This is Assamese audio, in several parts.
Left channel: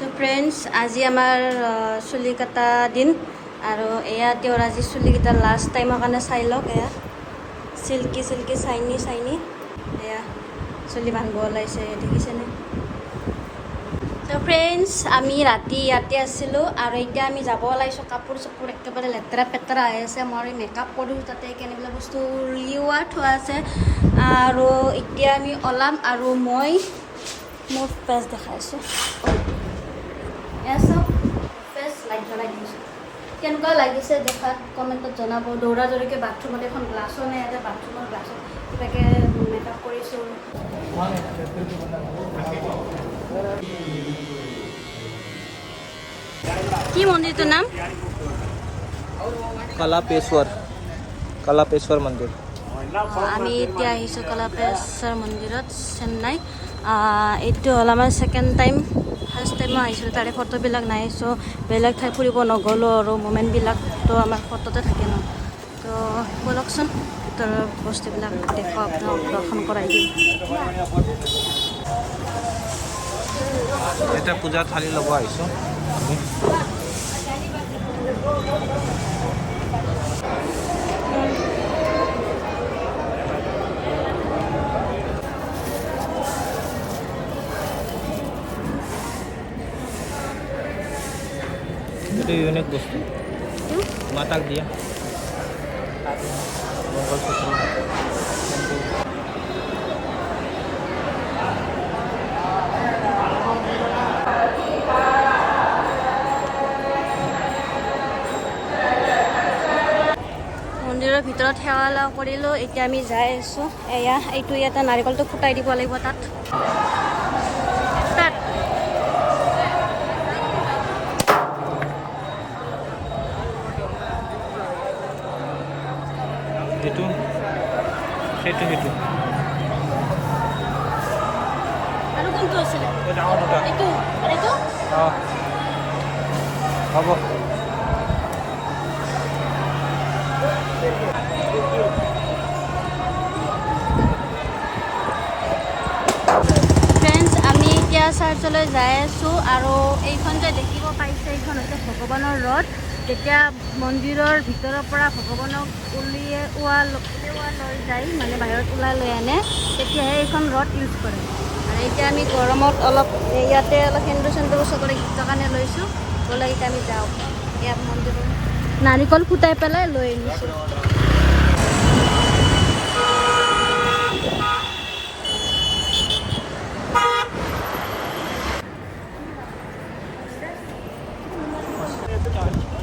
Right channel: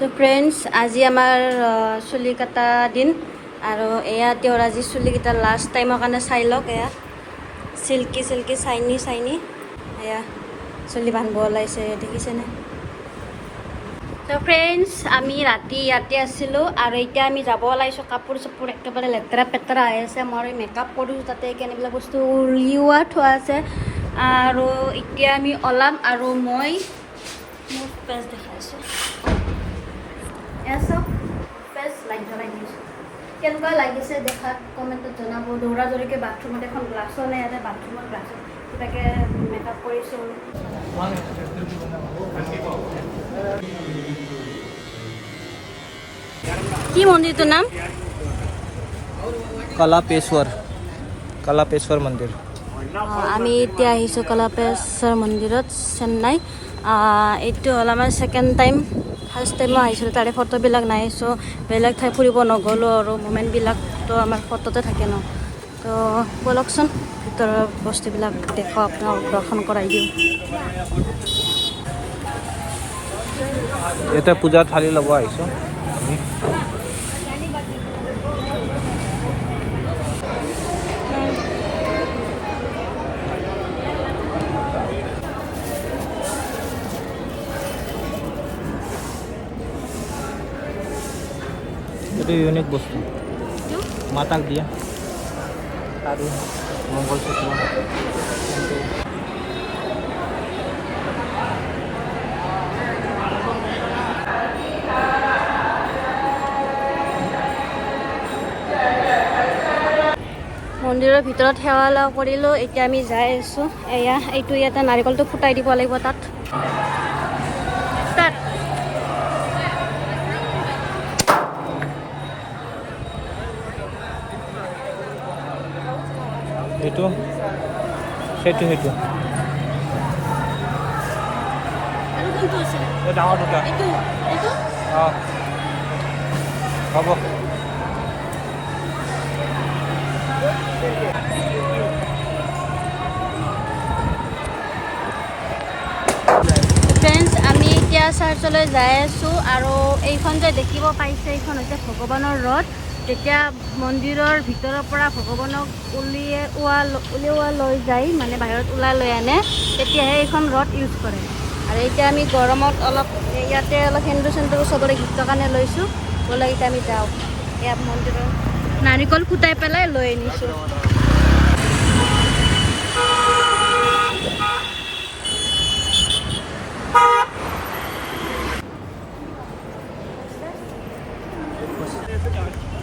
So friends, আজি আমাৰ চুলি কাটা দিন আৰু এয়া তেওঁৰ আজি চুলি কাটা লাষ্ট টাইমৰ কাৰণে চাই লওক। এয়া সিল্কি সিল্কি চাইনি চাইনি এয়া চুলি বান্ধিব ওলাইছে, দেখিছেনে? তো ফ্ৰেণ্ডছ, আমি ৰাতি ইয়াতে আছিলোঁ আৰু এতিয়া আমি যাব ওলাইছোঁ। কাপোৰ চাপোৰ একেবাৰে লেতেৰা পেতেৰা হৈ আছে। মই মেকআপ কৰিছোঁ, তাতে কেনেবিলাক বস্তু উলিওৱা থোৱা আছে আৰু এতিয়া আমি ওলাম। আৰু মই মোৰ ফেচ দেখাইছোঁ, এয়া চব ফেচ লাইট জ্বলাই দিছোঁ। কেনেকুৱা লাগিছে দেখাত কমেণ্টত জনাব। দৌৰা দৌৰিকৈ বাথৰুমত এখন গ্লাছো নাই, ইয়াতে বাথৰুমৰ গ্লাছত কিবাকৈ মেকআপ কৰিছোঁ। কি মন্দিৰটোৰ নাম? কলাপেশ্বৰ মন্দিৰ। আমি এতিয়া আহিছোঁ কলাপেশ্বৰ মন্দিৰত, চেন্নাই। এইটো হ'ল আমাৰ ছেকেণ্ড টাইম। ফাৰ্ষ্ট টাইম মই আহিছিলোঁ, তাৰে ফটোবিলাক নাই। চ' বেলেগ ঠাই ফুৰিব নগ'লোঁ আৰু মোমেণ্টবিলাকতো আমাৰ ফটোতে থাকে ন। তো ব'লকচোন ভিতৰৰ বস্তুবিলাক দেখাওঁ, আপোনাক দৰ্শন কৰাই দিওঁ। এতিয়া পূজাৰ থালি ল'ব আহিছোঁ আমি। এইটো ইউনিক বস্তু মাতাক দিয়া মংগলসূত্ৰ। মন্দিৰৰ ভিতৰত সেৱা লাভ কৰিলোঁ। এতিয়া আমি যাই আছোঁ। এয়া এইটো ইয়াতে নাৰিকলটো ফুটাই দিব লাগিব তাত। তাত এইটো সেইটো সেইটো আৰু কোনটো আছে? ডাঙৰ দুটা। এইটো এইটো অঁ হ'ব। ফ্ৰেণ্ডছ, আমি এতিয়া চাৰ্চলৈ যাই আছোঁ আৰু এইখন যে দেখিব পাইছে, এইখন হৈছে ভগৱানৰ ৰথ। যেতিয়া মন্দিৰৰ ভিতৰৰ পৰা ভগৱানক উলিওৱা লৈ যায়, মানে বাহিৰত ওলাই লৈ আনে, তেতিয়াহে এইখন ৰথ ইউজ কৰে। আৰু এতিয়া আমি গৰমত অলপ ইয়াতে অলপ সেন্দুৰ চেন্দুৰ চবৰে গীতৰ কাৰণে লৈছোঁ। ব'লা এতিয়া আমি যাওঁ। এয়া মন্দিৰৰ নাৰিকল ফুটাই পেলাই লৈ আনিছোঁ।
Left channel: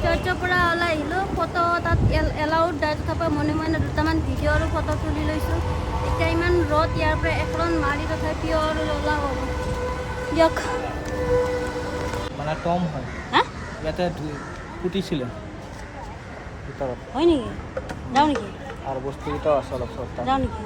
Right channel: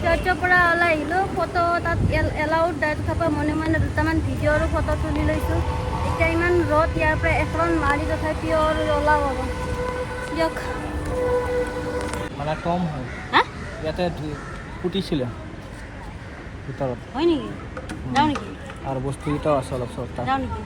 চাৰ্চৰ পৰা ওলাই আহিলোঁ। ফটো তাত এলাউড যায়, তথাপিও মনে মনে দুটামান ভিডিঅ' আৰু ফটো তুলি লৈছোঁ। এতিয়া ইমান ৰ'দ, ইয়াৰ পৰা এখন মাৰি তথাপিও আৰু ওলাওঁ আৰু দিয়ক। মানে টম হয়, হা ইয়াতে ফুটিছিলে ভিতৰত। হয় নেকি? যাওঁ নেকি? আৰু বস্তুকেইটাও আছে অলপ চলপ। যাওঁ নেকি?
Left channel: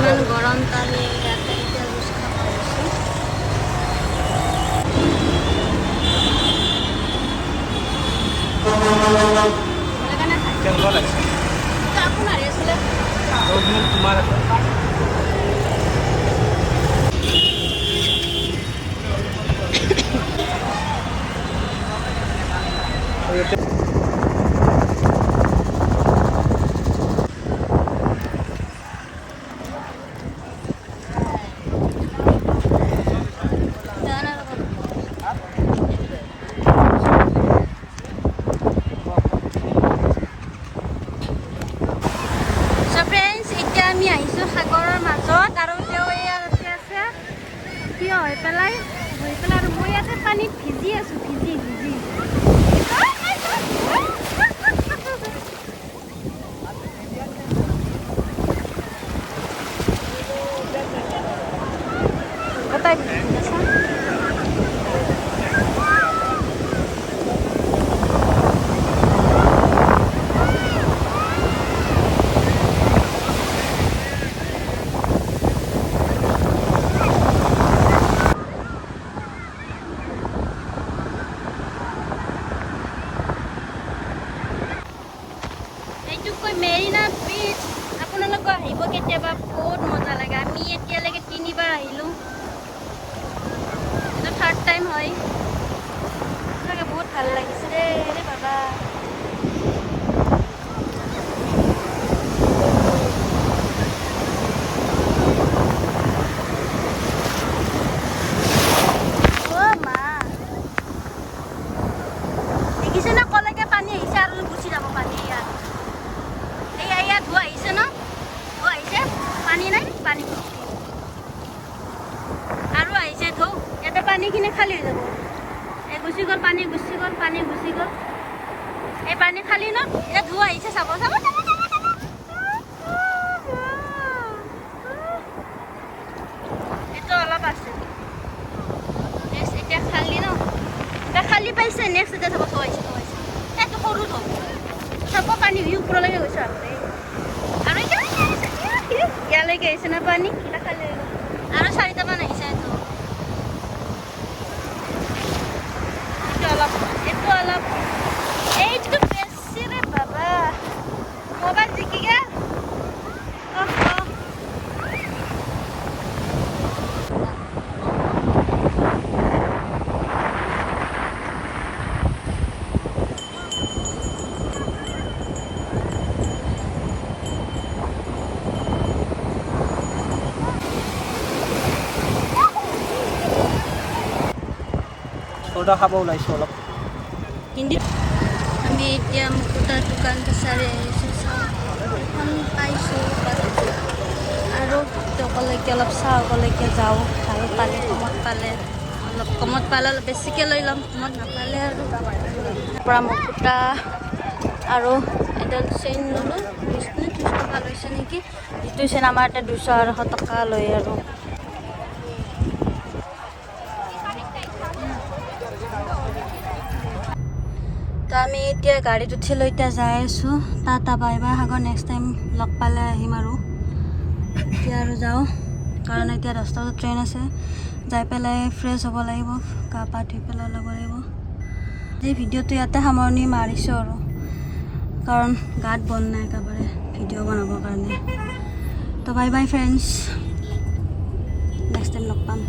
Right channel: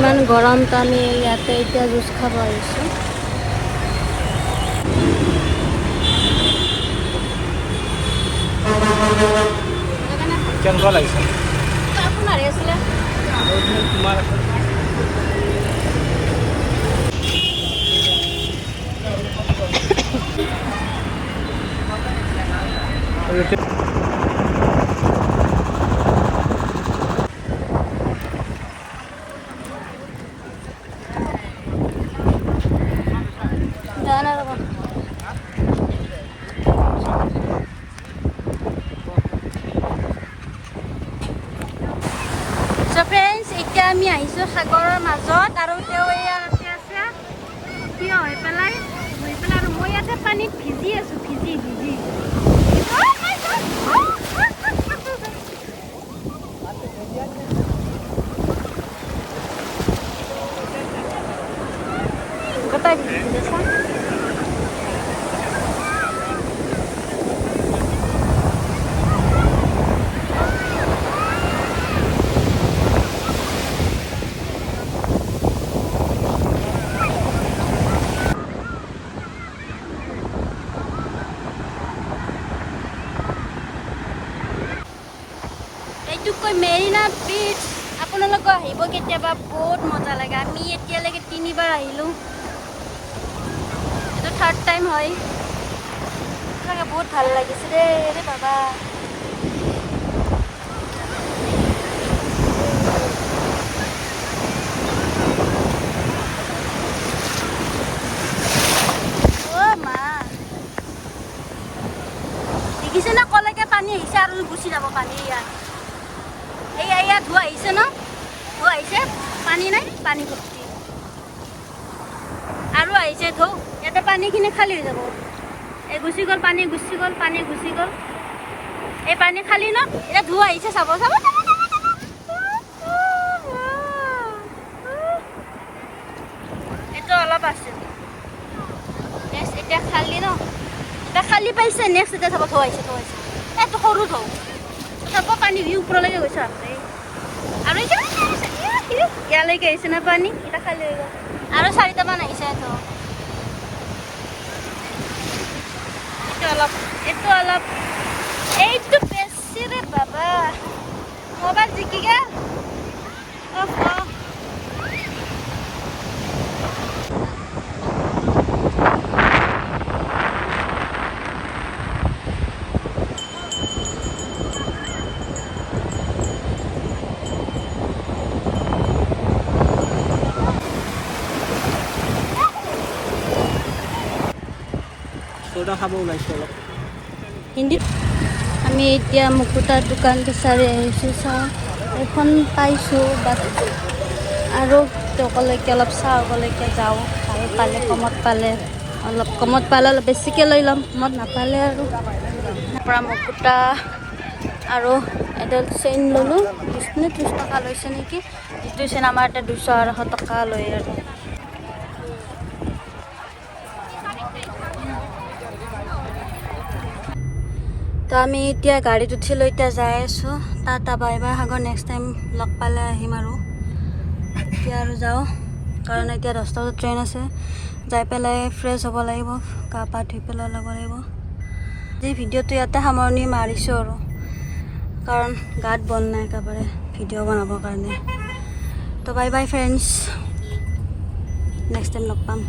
ইমান গৰমত আমি ইয়াতে এতিয়া জুচ খাব আহিছোঁ। কেনেকুৱা লাগিছে? আপোনাৰ আছিলে তোমাৰ ফ্ৰেণ্ডছ, এতিয়া আমি আহিছোঁ সাগৰৰ মাজত আৰু তেওঁ ইয়াতে আছে থিয় হৈ পেলাই, আৰু মই ইয়াতে পানীত ভিজি আছোঁ, ভিজি গোটাই দিছোঁ। চা এইটোক কয় মেৰিনা বিচ। আপোনালোক আহিব কেতিয়াবা, বহুত মজা লাগে। আমি এতিয়ালৈকে 3বাৰ আহিলোঁ, এইটো 3rd টাইম হয়। সঁচাকৈ বহুত ভাল লাগিছে দেই বাবা। দেখিছে ন কলৈকে পানী আহিছে আৰু গুচি যাব পানী। ইয়াত এয়া ধোৱা আহিছে ন, ধোৱা আহিছে, পানী নাই, পানী ভৰ্তি আৰু আহিছে ধৌ। ইয়াতে পানীখিনি খালী হৈ যাব। এই গুচি গ'ল, পানী গুচি গ'ল, পানী গুচি গ'ল। এই পানী খালী ন, এতিয়া ধোৱা আহিছে, চাব চাব চাব। এইটো অলপ আছে, এতিয়া খালী ন, এটা খালী পাইছে। নেক্সট এতিয়া চাব থৈ আহিছে, থৈ আহিছে। এইটো সৰু থৌ চাব, পানী ভিউ ওপৰলৈকে গৈছে আৰু ইয়ালৈকে আহিছে না পানী। এতিয়া খালী হৈ গ'ল আৰু 4টামান আহিছে। এইটো অলপ এইটো বেছি ৰে বাবা। মোবাইল জিকি গেল। চৌদা খাব ওলাইছোঁ অলপ। হিন্দীত আমি এতিয়া মুকুতাৰ দোকান বিচাৰি আহিছোঁ। চাওঁ এখন পাইছোঁ, বাট আৰু অকলৈকে অলপ চাওঁ, অকলৈকে যাওঁ। ভাল পালে, কমত পালে, অলপ কমত পালে অলপ বেছিকৈ লৈ ল'ম, কমত নাপালে আৰু পৰা মুকুতা আৰু এডাল চেইন ল'লোঁ। 20 নে 30 টকা লৈছে নেকি। যিটো চেইন আমাৰ এতিয়া 200-250 টকা লয় আৰু। তো আমি এতিয়া গাড়ীত উঠি লৈ এতিয়া যাই আছোঁ টাটা বাই বাই। আগৰ নেক্সট টাইম লগ পালে আহিম আৰু। এতিয়া আৰু যাওঁ, কাৰণ এতিয়া 10টা বজাত ট্ৰেইন আছে। যাই পেলাই ফ্ৰেছ হ'ব লাগিব, গা পা ধুই পেলাই ল'ব লাগিব। আজি ভিডিঅ'টো ইয়াতে সামৰণি মাৰিছোঁ আৰু, কাৰণ গাত বন নাই একেবাৰে ভিডিঅ' বনাবৰ কাৰণে। তো bye bye friends, next time লগ পাম।